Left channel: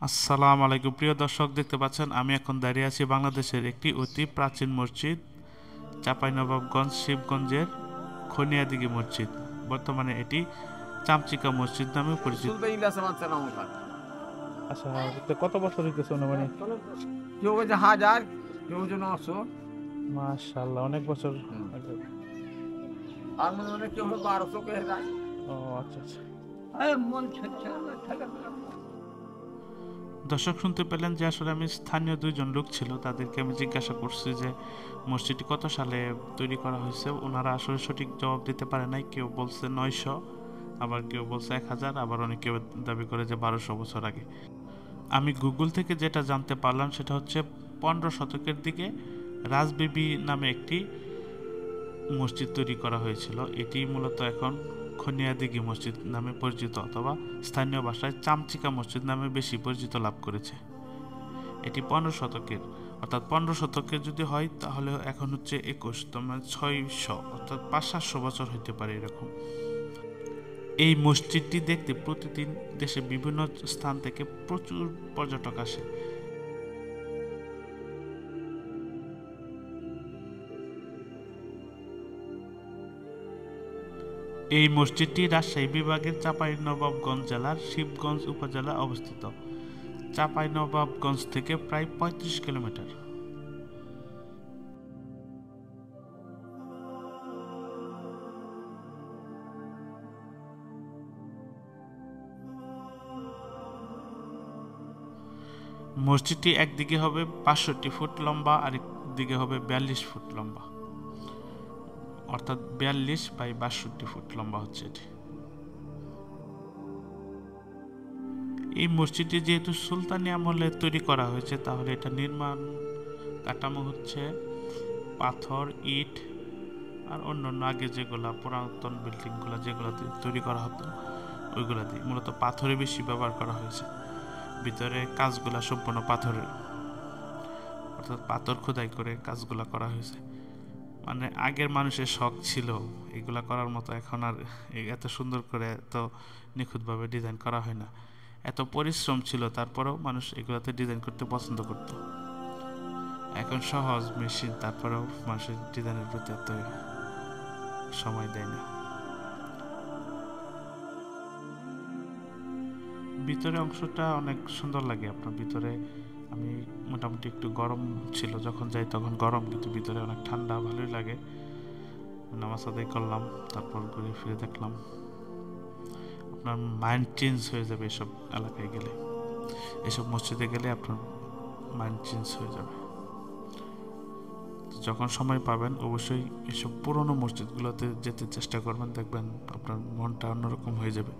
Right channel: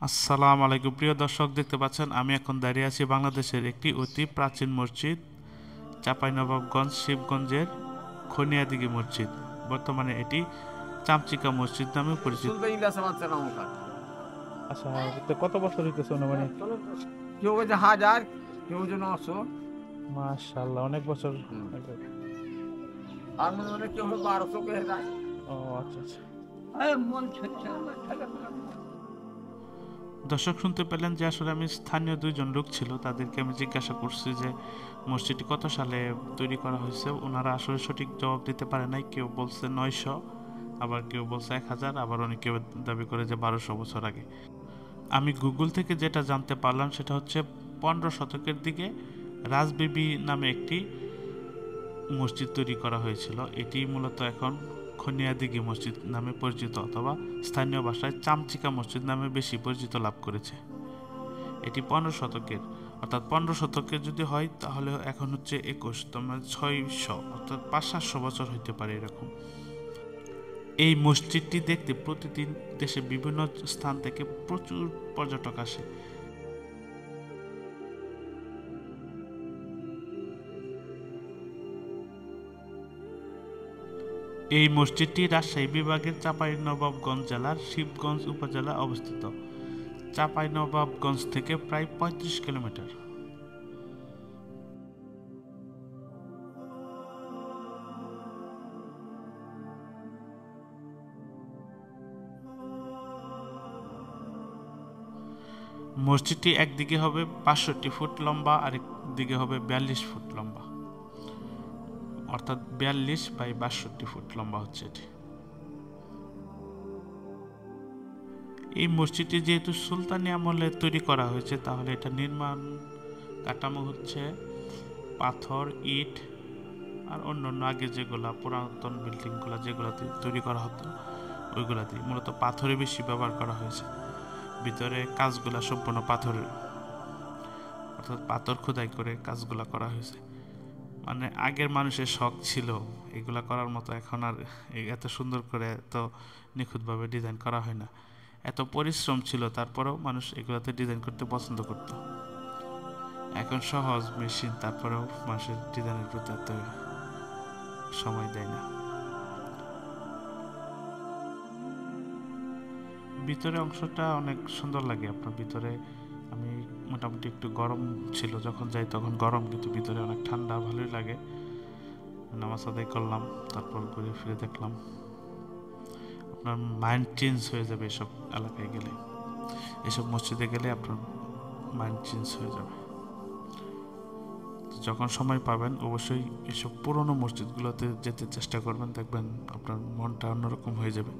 আসসালামু আলাইকুম প্রিয় দর্শক, দেখতে পাচ্ছেন আমি এখন দাঁড়িয়ে আছি বাংলাদেশের একটি অতি প্রাচীন মসজিদ, চাঁপাইনবাবগঞ্জ শিবগঞ্জের খনিয়াদিঘি মসজিদ। বর্তমানে এটি চামচিকা মসজিদ নামে পরিচিত। আচ্ছা, তো কত বছর হইতেছে অনুমানিক? কেউ বলছে 1000, কেউ বলছে 900। মাশাআল্লাহ, অনেক বছর আগে। আর মনে মনে কেউ 1200 কে দেয়। ও আচ্ছা আচ্ছা। দর্শক শুনতে পেলেন যে আসলে আমি স্থানীয় দুইজন লোক ছিল, তাদেরকে আমি জিজ্ঞাসা করছি যে মসজিদটি কত সালে তৈরি করা হয়েছে। ওনারা আসলে সঠিক জবাব দিতে পারে নাই। কেউ বলছে 900, আবার কেউ বলছে 1000, আবার অনেকে দাবি করে যে 1200 বছর আগে। আমি গুগল থেকে যেটা জানতে পারলাম সেটা হচ্ছে 15 শতকের দিকে রাজবিবি নামে একটি মসজিদ তৈরি করা হয়েছিল। এটি মূলত এখন খনিয়াদিঘি মসজিদ নামে পরিচিত, অথবা স্থানীয় ভাষায় চামচিকা মসজিদ নামে বেশি পরিচিত লাভ করেছে। এটি 15 শতকের, অর্থাৎ 15 শতকের যদি হয় তাহলে এখন হচ্ছে 21, তোমার 600 অর্থাৎ 500-700 হইতে পারে এরকম। এই মসজিদটি দেখতে প্রতিদিন দেশের বিভিন্ন স্থান থেকে প্রচুর পর্যটক আসে। এই মসজিদটি রাজশাহী বিভাগের চাঁপাইনবাবগঞ্জ জেলার শিবগঞ্জ উপজেলায় অবস্থিত। চাঁপাইনবাবগঞ্জ থেকে প্রায় 35 কিলোমিটার। মসজিদটি একদিকে হবে 65 ফুট লম্বা, আরেক দিকে হবে 42 ফুট লম্বা, অর্থাৎ 42 বাই 62 ফুট লম্বা হচ্ছে এটি। এই মসজিদটি যেহেতু সুলতানি আমলে তৈরি করা হয়েছে, তাহলে এটা নির্মাণ কাঠামো হচ্ছে পাথর, ইট আর অন্যান্য আগে যেগুলা পুরাতন বিল্ডিংগুলো যেগুলো তৈরি করা হতো ওইগুলা দিয়ে, মূলত পাথরে বেশি ব্যবহার করা হয়েছে। ভিতরে কাজগুলা সম্পূর্ণ পাথরের, অর্থাৎ পাথর খোদাই করে কাজগুলা করা হয়েছে। মানে আগের মানুষের শখ ছিল এগুলা করার মতো, এখন আর এত সুন্দর করে এত নিখুঁতভাবে ডিজাইন করা হয় না। এত পরিশ্রম ছিল, তারপরেও মানুষ এগুলাতে ডিজাইন করতে পছন্দ করত। এখন সহজ মেশিন, তারপরেও মানুষের ডিজাইনের প্রতি এত সময় দেয় না। ভিতরে অংশটা অনেক সুন্দর লাগে আপনার। ভিতরে আমি মোটামুটি একটু গরম ছিল যখন যাই, তখন গরম, কিন্তু ভিতরে অনেক ঠান্ডা, ভালোই লাগে। নামাজ আদায় করলাম, তারপর ঘুরে ফিরে দেখলাম। আপনার মাইন্ড চেঞ্জ হয়ে যাবে এসব এলাকায় গেলে, এসব মসজিদে গেলে আপনার মাইন্ড চেঞ্জ হয়ে যাবে। যখন সময় পাবেন অবশ্যই এসব পুরনো মসজিদগুলোতে যেতে চেষ্টা করবেন, দেখবেন আপনার মনটা অন্যরকম হয়ে যাবে।